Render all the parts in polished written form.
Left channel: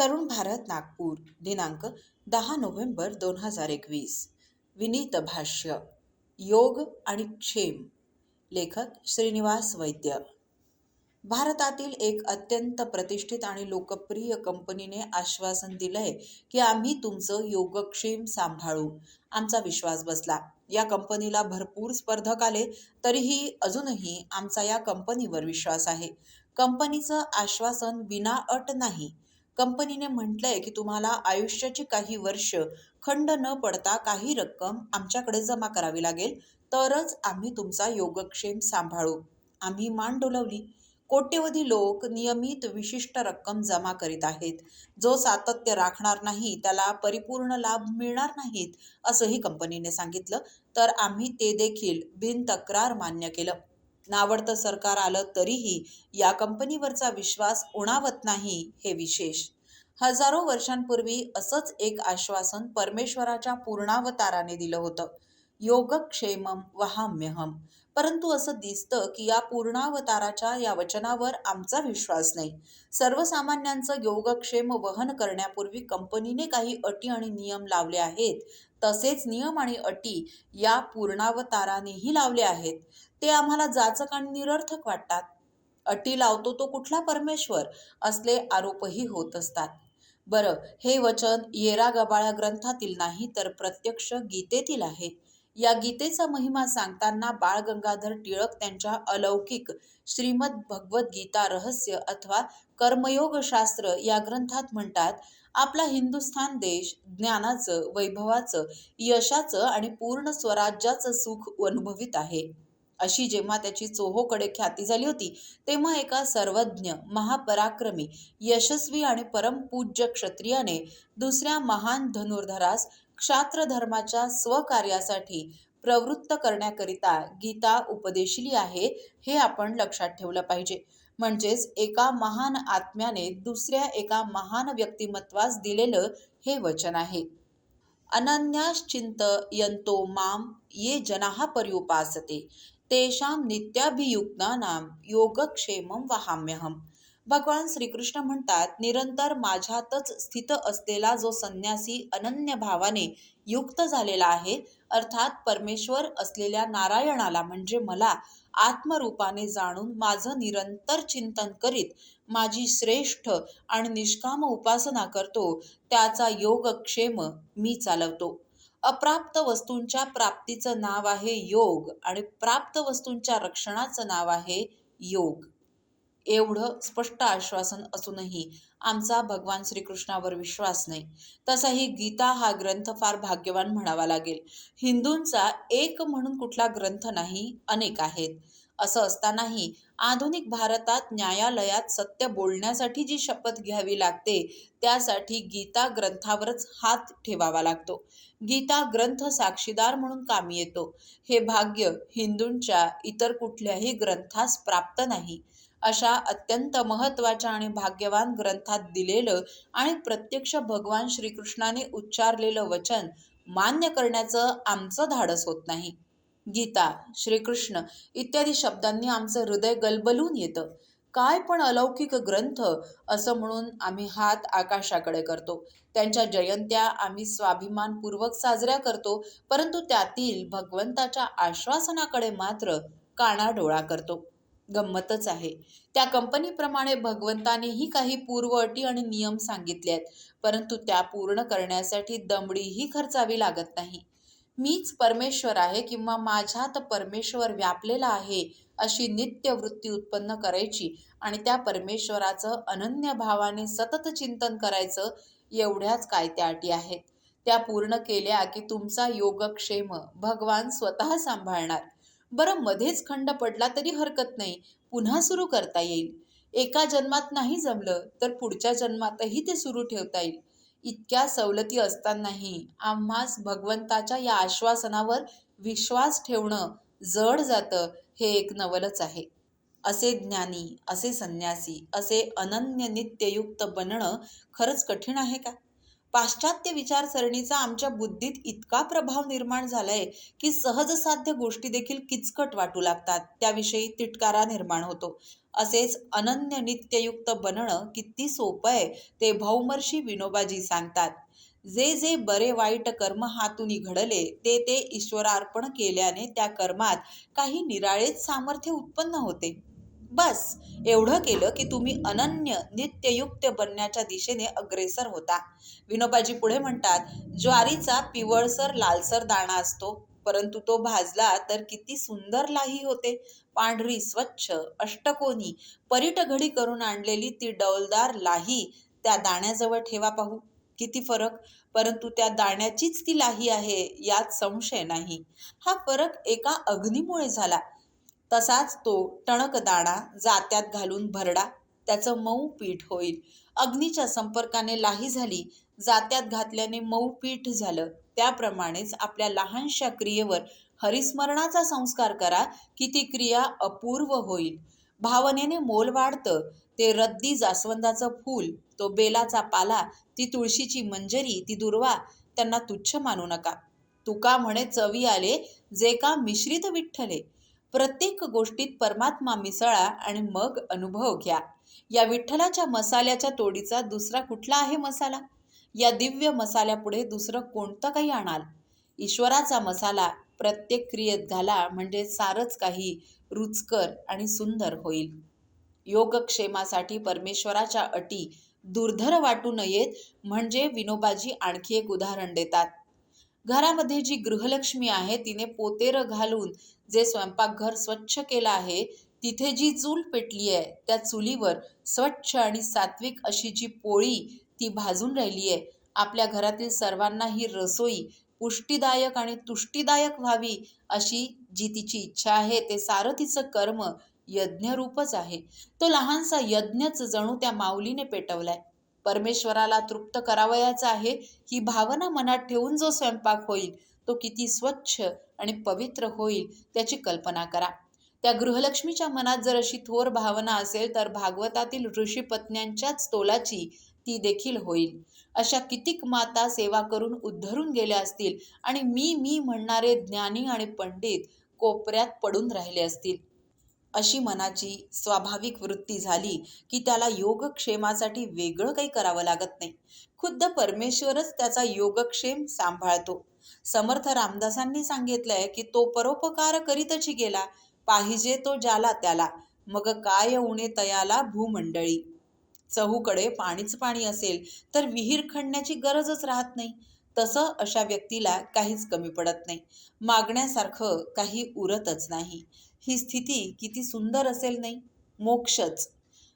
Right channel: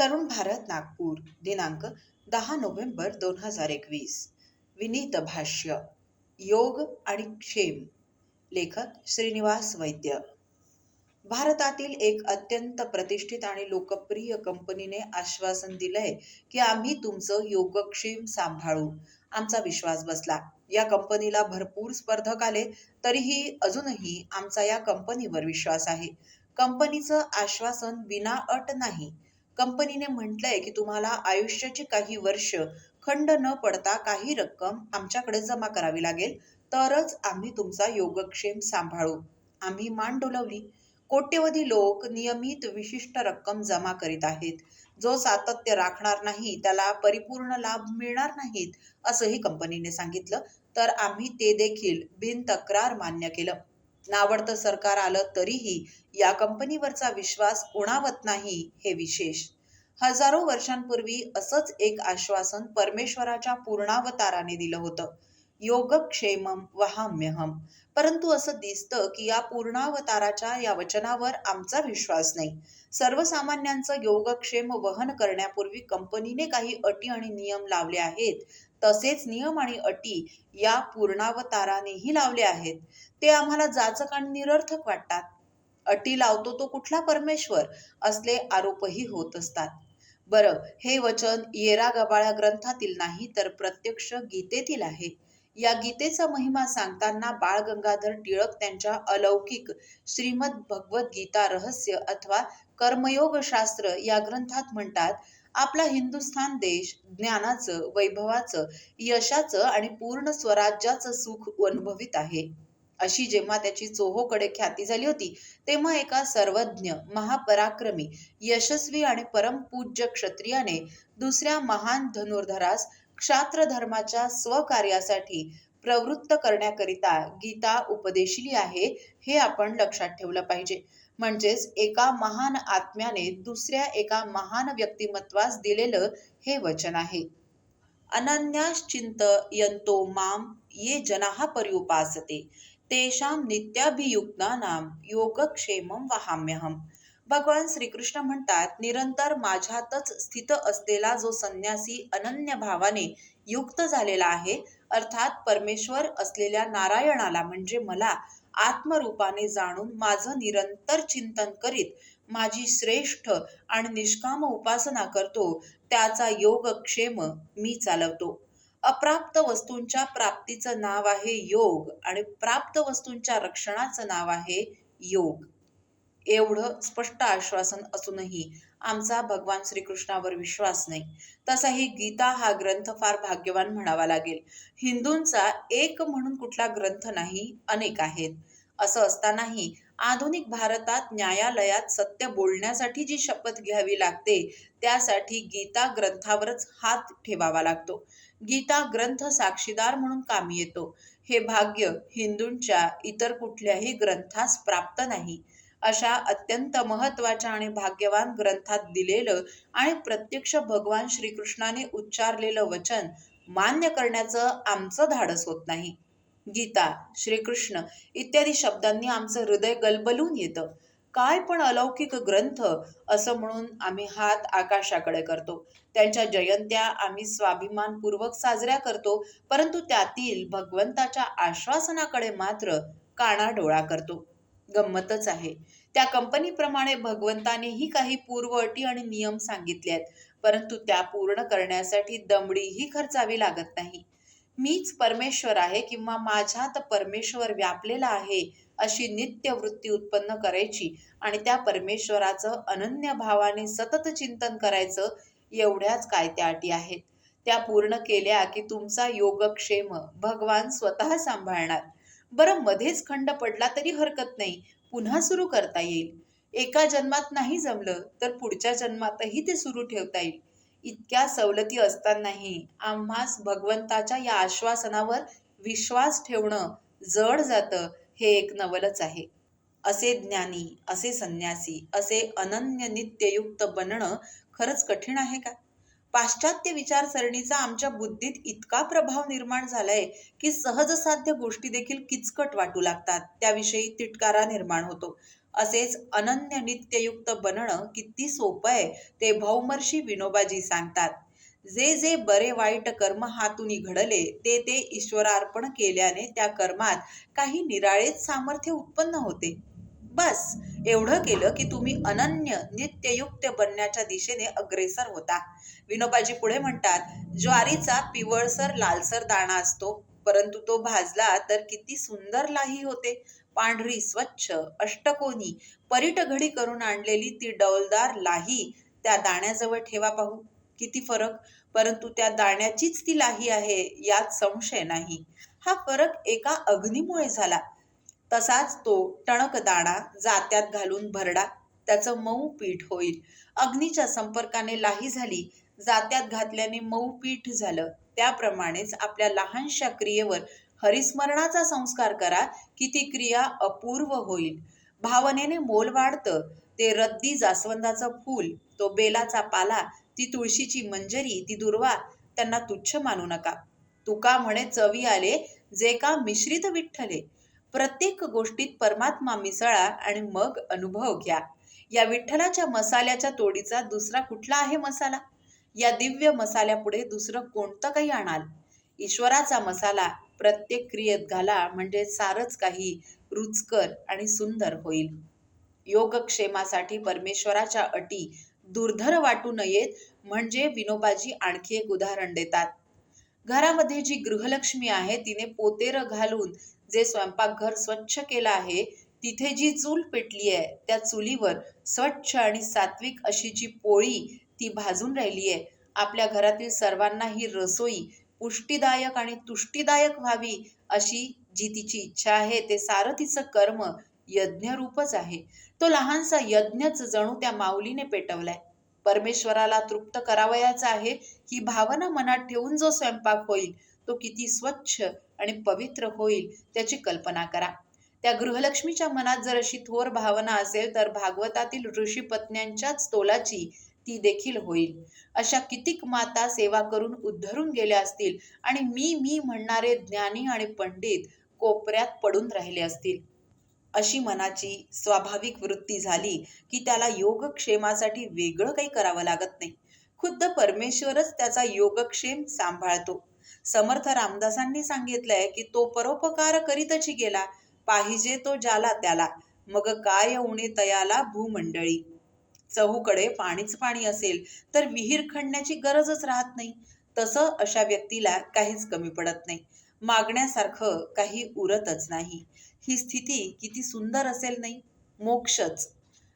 तरुण भारत नागपूर दिनांक 10 नोव्हेंबर 2021. विनीत भाष्य. योग आणि क्षेम. लेखक श्रीनिवास वैद्य. भारतातील एक अत्यंत प्रतिष्ठित आणि लोकप्रिय कंपनीने आश्वासन दिलंय की आम्ही तुमचं योगक्षेम सांभाळू. आमचा विश्वास बसला. या कंपनीला भरपूर स्पर्धक आले, तरीही अजूनही आमचा या कंपनीवर विश्वास आहे. कंपनीचं आश्वासन विना अट नाही. कंपनीने म्हटलंय की तुम्हाला आयुष्याची काही वर्ष खंड न पडता काही रक्कम आमच्याकडे जमा करावी लागेल, तरच आम्ही तुमचा योगक्षेम सांभाळू. आम्ही मान डोलावली. कोट्यवधी लोक नियमित विशिष्ट रक्कम जमा करीत आहेत. जो सातत्य राखणार नाही त्याला परिपूर्ण लाभ मिळणार नाहीत, असंही कंपनीने सांगितलं. तर आम्ही ते देखील बिनतक्रार मान्य केलं. नावडतं सरकार आलं तरीही या कंपनीवरचा विश्वास उणावत नाही, हे विशेष. हजारो वर्षांपूर्वी असंच एक आश्वासन परमेश्वराच्या पूर्णावताराने दिलं होतं. योगक्षेमम वहाम्यहम. परंतु असं दिसतं की या पूर्णावताराच्या या वचनावर आमचा विश्वास नाही. सर्वसामान्यांचं योगक्षेम वहन करण्यापूर्वी कंपनीने काही अटी आणि नियम लावले आहेत. तसेच नियम आणि अटी या पूर्णावतारानेही लावले आहेत. ते आम्हाला जाचक आणि निरर्थक वाटतात. अटी लावतो तो कुठला परमेश्वर, असले आरोपही होत असतात. बरं, हे वचन येरा गबाळ्या ग्रंथातील नाही तर प्रत्यक्ष गीतेतील आहे. या गीतेचा महिमा सांगताना बाळ गंगाधर टिळक त्यांच्या अलौकिक श्रीमद भगवत गीता रहस्य अथवा कर्मयोग शास्त्र या ग्रंथात म्हणतात, आपला हिंदुस्थान देश ज्ञानाचं, वैभवाचं, यशाचं आणि पूर्ण स्वराज्याचं सुख अनुभवित आहे. अशी जेव्हा त्याची चोहोकडे ख्याती झाली होती, तेव्हा एका सर्वज्ञ, महापराक्रमी, यशस्वी आणि परमपूज्य क्षत्रियाने दुसऱ्या महान धनुर्धरास क्षात्र धर्माच्या स्वकार्यासाठी प्रवृत्त करण्याकरिता गीता उपदेशिली आहे, हे आपण लक्षात ठेवलं पाहिजे. म्हणजेच एका महान आत्म्याने दुसऱ्या एका महान व्यक्तिमत्वास दिलेलं हे वचन आहे. अनन्याश्चिंतयन्तो माम ये जनाः पर्युपासते तेषां नित्याभियुक्तानां योगक्षेमं वहाम्यहम. भगवान श्रीकृष्ण म्हणतात, निरंतर माझ्यातच स्थित असलेला जो संन्यासी अनन्य भावाने युक्त झालेला आहे, अर्थात परमेश्वर असलेल्या नारायणाला म्हणजे मला आत्मरूपाने जाणून माझं निरंतर चिंतन करीत माझी श्रेष्ठ आणि निष्काम उपासना करतो, त्याचा योगक्षेम मी चालवतो. अप्राप्त वस्तूंच्या प्राप्तीचं नाव आहे योग आणि प्राप्त वस्तूंच्या रक्षणाचं नाव आहे योग. एवढं स्पष्ट आश्वासन असूनही आमचा भगवान श्रीकृष्णावर विश्वास नाही. तसाही गीता हा ग्रंथ फार भाग्यवान म्हणावा लागेल. हिंदूंचा एक म्हणून कुठला ग्रंथ नाही, अनेक आहेत. असं असतानाही आधुनिक भारतात न्यायालयात सत्य बोलण्यासाठी जी शपथ घ्यावी लागते, त्यासाठी गीता ग्रंथावरच हात ठेवावा लागतो. गीता ग्रंथ साक्षीदार म्हणून कामी येतो. हे भाग्य हिंदूंच्या इतर कुठल्याही ग्रंथास प्राप्त नाही. अशा अत्यंत महत्त्वाच्या आणि भाग्यवान ग्रंथात दिलेलं आणि प्रत्यक्ष भगवान श्रीकृष्णाने उच्चारलेलं वचन मान्य करण्याचं आमचं धाडस होत नाही. गीता, श्रीकृष्ण इत्यादी शब्दांनी आमचं हृदय गलबलून येतं. काय पण अलौकिक ग्रंथ, असं म्हणून आम्ही हात आकाशाकडे करतो. त्यांच्या जयंत्या आम्ही स्वाभिमानपूर्वक साजऱ्या करतो, परंतु त्यातील भगवंताच्या आश्वासनाकडे मात्र कानाडोळा करतो. गंमतच आहे. त्या कंपनीप्रमाणे भगवंतानेही काही पूर्व अटी आणि नियम सांगितले आहेत, परंतु त्या पूर्ण करण्यासाठी दमडीही खर्चावी लागत नाही. मीच परमेश्वर आहे किंवा माझ्यात परमेश्वर व्यापलेला आहे, अशी नित्य वृत्ती उत्पन्न करायची आणि त्या परमेश्वराचं अनन्य भावाने सतत चिंतन करायचं, एवढ्याच काय त्या अटी आहेत. त्या पूर्ण केल्या की तुमचा योगक्षेम भगवान स्वतः सांभाळणार. बरं, मध्येच खंड पडला तरी हरकत नाही, पुन्हा सुरू करता येईल. एका जन्मात नाही जमलं तर पुढच्या जन्मातही ते सुरू ठेवता येईल. इतक्या सवलती असतानाही आम्हास भगवंताच्या या आश्वासनावर विश्वास ठेवणं जड जातं, हे एक नवलच आहे. असे ज्ञानी, असे संन्यासी, असे अनन्य नित्ययुक्त बनणं खरंच कठीण आहे का? पाश्चात्य विचारसरणीचा आमच्या बुद्धीत इतका प्रभाव निर्माण झालाय की सहजसाध्य गोष्टी देखील किचकट वाटू लागतात, त्याविषयी तिटकारा निर्माण होतो. असेच अनन्य नित्ययुक्त बनणं किती सोपं आहे ते भौमर्षी विनोबाजी सांगतात. जे जे बरे वाईट कर्म हातून घडले ते ते ईश्वरार्पण केल्याने त्या कर्मात काही निराळेच सामर्थ्य उत्पन्न होते. बस एवढं केलं की तुम्ही अनन्य नित्ययुक्त बनण्याच्या दिशेने अग्रेसर होता. विनोबाजी पुढे म्हणतात, ज्वारीचा पिवळसर लालसर दाणा असतो, परंतु तो भाजला तर किती सुंदर लाही होते. पांढरी स्वच्छ अष्टकोनी परीट घडी करून आणलेली ती डौलदार लाही त्या दाण्याजवळ ठेवा पाहू, किती फरक. परंतु त्या दाण्याचीच ती लाही आहे यात संशय नाही. हा फरक एका अग्नीमुळे झाला. तसाच तो टणक दाणा जात्यात घालून भरडा, त्याचं मऊ पीठ होईल. अग्नीच्या संपर्काने लाही झाली, जात्यात घातल्याने मऊ पीठ झालं. त्याप्रमाणेच आपल्या लहानशा क्रियेवर हरिस्मरणाचा संस्कार करा की ती क्रिया अपूर्व होईल. भावनेने मोल वाढतं. ते रद्दी जास्वंदाचं फूल, तो बेलाचा पाला, ती तुळशीची मंजरी, ती दुर्वा, त्यांना तुच्छ मानू नका. तुका म्हणे चवी आले जे का मिश्रित विठ्ठले. प्रत्येक गोष्टीत परमात्मा मिसळा आणि मग अनुभव घ्या. या विठ्ठलाच्या मसाल्याच्या तोडीचा दुसरा कुठला आहे मसाला? या दिव्य मसाल्यापुढे दुसरं कोणतं काही आणाल? ईश्वराचा मसाला प्रत्येक क्रियेत घाला, म्हणजे सारच काही रुचकर आणि सुंदर होईल. योगक्षेमासाठी परमेश्वराच्या अटी दुर्धर वाटू नयेत म्हणजे विनोबाजी आणखी एक उदाहरण देतात. घरामध्ये जी गृहलक्ष्मी आहे तिने पोतेर घालून जे स्वयंपाकघर स्वच्छ केलं आहे, तिथे जी चूल पेटली आहे त्या चुलीवर स्वच्छ आणि सात्विक अशी जी पोळी ती भाजून राहिली आहे. आपल्या घरातील सर्वांना ही रसोई पुष्टीदायक आणि तुष्टीदायक व्हावी अशी जी तिची इच्छा आहे, ते सारं तिचं कर्म यज्ञरूपच आहे. तो लहानसा यज्ञच जणू त्या माऊलीने पेटवलाय. परमेश्वराला तृप्त करावयाचा आहे ही भावना मनात ठेवून जो स्वयंपाक होईल तो किती स्वच्छ आणि पवित्र होईल त्याची कल्पना करा. त्या गृहलक्ष्मीच्या मनात जर अशी थोर भावना असेल तर भागवतातील ऋषीपत्न्यांच्याच तोलाची ती देखील होईल. अशा कितीक माता सेवा करून उद्धरून गेल्या असतील आणि मी म्हणणारे ज्ञानी आणि पंडित कोपऱ्यात पडून राहिले असतील. अशी मनाची स्वाभाविक वृत्ती झाली की त्याला योगक्षेमासाठी वेगळं काही करावं लागत नाही. खुद्द परमेश्वरच त्याचा योगक्षेम सांभाळतो. समर्थ रामदासांनी सांगितलंय की तो परोपकार करीतची गेला, पाहिजे तो ज्याला त्याला, मग काय उणे तयाला भूमंडळी. चहूकडे पाणीच पाणी असेल तर विहीर खणण्याची गरजच राहत नाही. तसं अशा व्यक्तीला काहीच कमी पडत नाही, मागण्यासारखं काही उरतच नाही. ही स्थिती किती सुंदर असेल नाही? मोक्षच.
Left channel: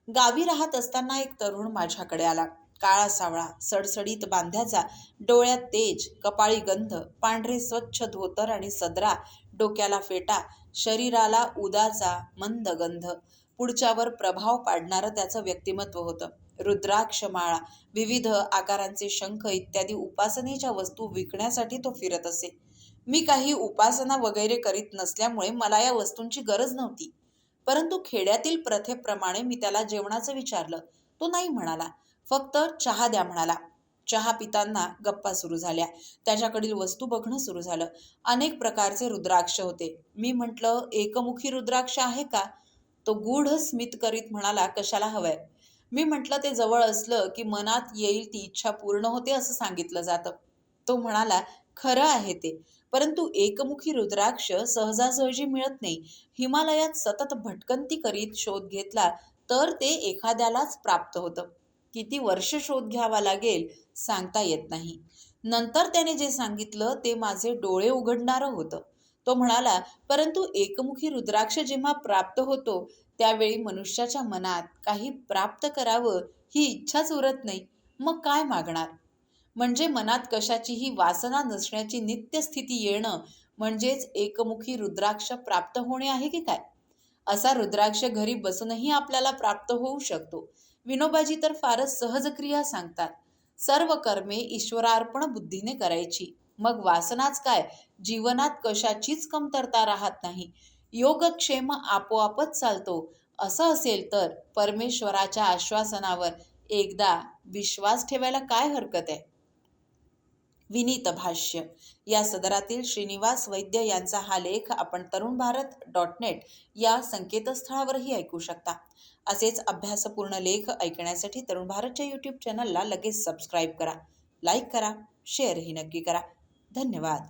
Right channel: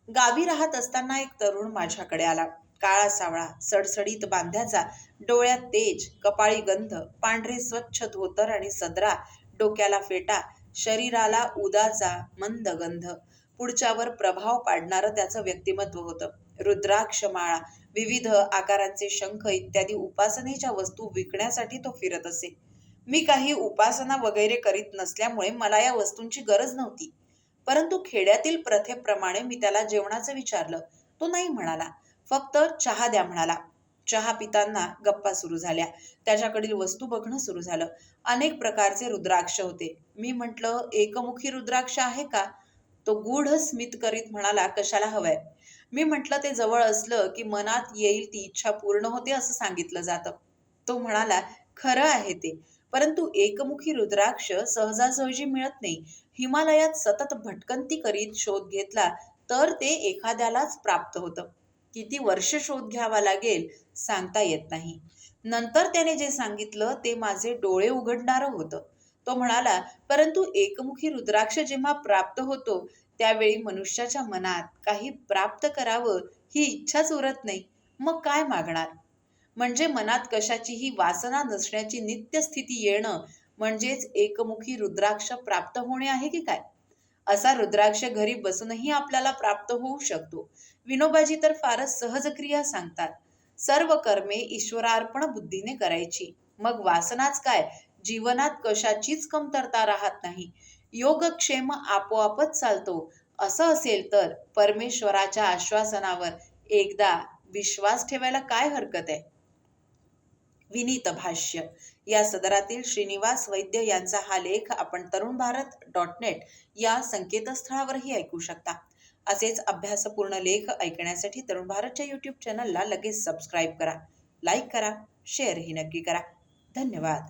गावी राहत असताना एक तरुण माझ्याकडे आला. काळा सावळा, सडसडीत बांध्याचा, डोळ्यात तेज, कपाळी गंध, पांढरे स्वच्छ धोतर आणि सदरा, डोक्याला फेटा, शरीराला उदाचा मंद गंध. पुढच्यावर प्रभाव पाडणारं त्याचं व्यक्तिमत्व होतं. रुद्राक्ष माळा, विविध आकारांचे शंख इत्यादी उपासनेच्या वस्तू विकण्यासाठी तो फिरत असे. मी काही उपासना वगैरे करीत नसल्यामुळे मला या वस्तूंची गरज नव्हती. परंतु खेड्यातील प्रथेप्रमाणे मी त्याला जेवणाचं विचारलं. तो नाही म्हणाला, फक्त चहा द्या म्हणाला. चहा पिताना गप्पा सुरू झाल्या. त्याच्याकडील वस्तू बघणं सुरू झालं. अनेक प्रकारचे रुद्राक्ष होते. मी म्हटलं, एकमुखी रुद्राक्ष आहे का? तो गूढ स्मित करीत म्हणाला, कशाला हवंय? मी म्हटलं, ते जवळ असलं की मनात येईल ती इच्छा पूर्ण होते असं सांगितलं जातं. तो म्हणाला, खरं आहे ते, परंतु एकमुखी रुद्राक्ष सहजासहजी मिळत नाही. हिमालयात सतत भटकंती करीत शोध घेतला तर ते एखाद्यालाच प्राप्त होतं. किती वर्ष शोध घ्यावा लागेल सांगता येत नाही. नंतर त्याने जे सांगितलं ते माझे डोळे उघडणारं होतं. तो म्हणाला, परंतु एकमुखी रुद्राक्ष जेव्हा प्राप्त होतो त्यावेळी मनुष्याच्या मनात काही प्राप्त करावं ही इच्छाच उरत नाही. मग काय मागणार? म्हणजे मनात कशाचीही वासना नसण्याची नित्य स्थिती येणं म्हणजेच एकमुखी रुद्राक्ष प्राप्त होणे आहे की काय? असा रुद्राक्ष घरी बसूनही आपल्याला प्राप्त होऊ शकतो. विनोबाजी तर फारच सहज क्रिया सांगतात. सर्व कर्मे ईश्वरार्पण बुद्धीने करायची, मग वासनाच काय, जीवनात कशाचीच कमतरता राहत नाही. योगक्षेम आपोआपच चालतो. असं असेल तर परमेश्वराच्या आश्वासनावर एकदा विश्वास ठेवायला काय हरकत आहे? विनीत भाष्य या सदरातील श्रीनिवास वैद्य यांचा हा लेख आपण तरुणभारत.net या संकेतस्थळावरही ऐकू शकता. असेच अभ्यासपूर्ण लेख ऐकण्यासाठी तरुण भारतच्या यूट्यूब चॅनलला लगेच सबस्क्राईब करा, लाईक करा, शेअरही नक्की करा. धन्यवाद.